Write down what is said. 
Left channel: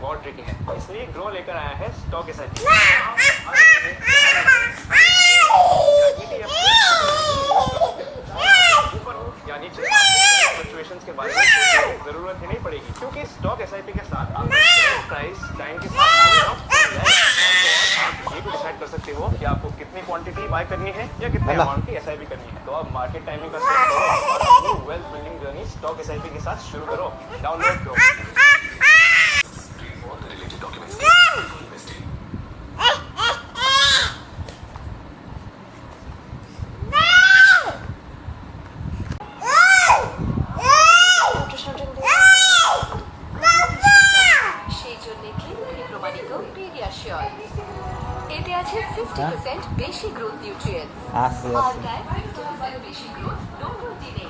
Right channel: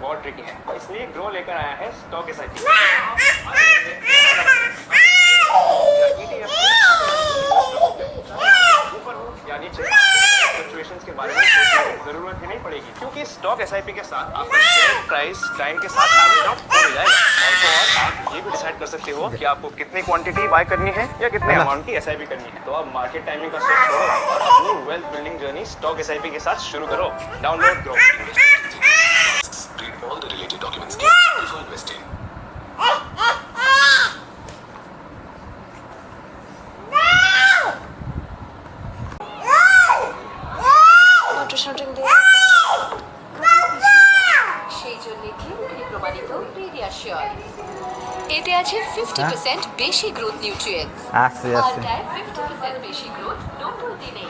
बहुत ट्रिकी है, इसलिए ग्रो लेकर आया है स्टॉक एसआईपी। के बारे में जरूरत ही नहीं पड़ेगी, क्योंकि स्टॉक एसआईपी के साथ आपका प्राइस टाइम के साथ ये भी डिसाइड कर सकते हो कि आपको कितनी क्वांटिटी बाय करनी है या कितने अमाउंट की एसआईपी करनी है। तो अब मार्केट टाइमिंग का wealth building journey stock SIP के साथ शुरू करो। डाउनलोड करो। এতে আছে 50% বেশি গ্রোথ নিউট্রিয়েন্টস। আর 50% বেশি গ্রোথ নতুন দিনে।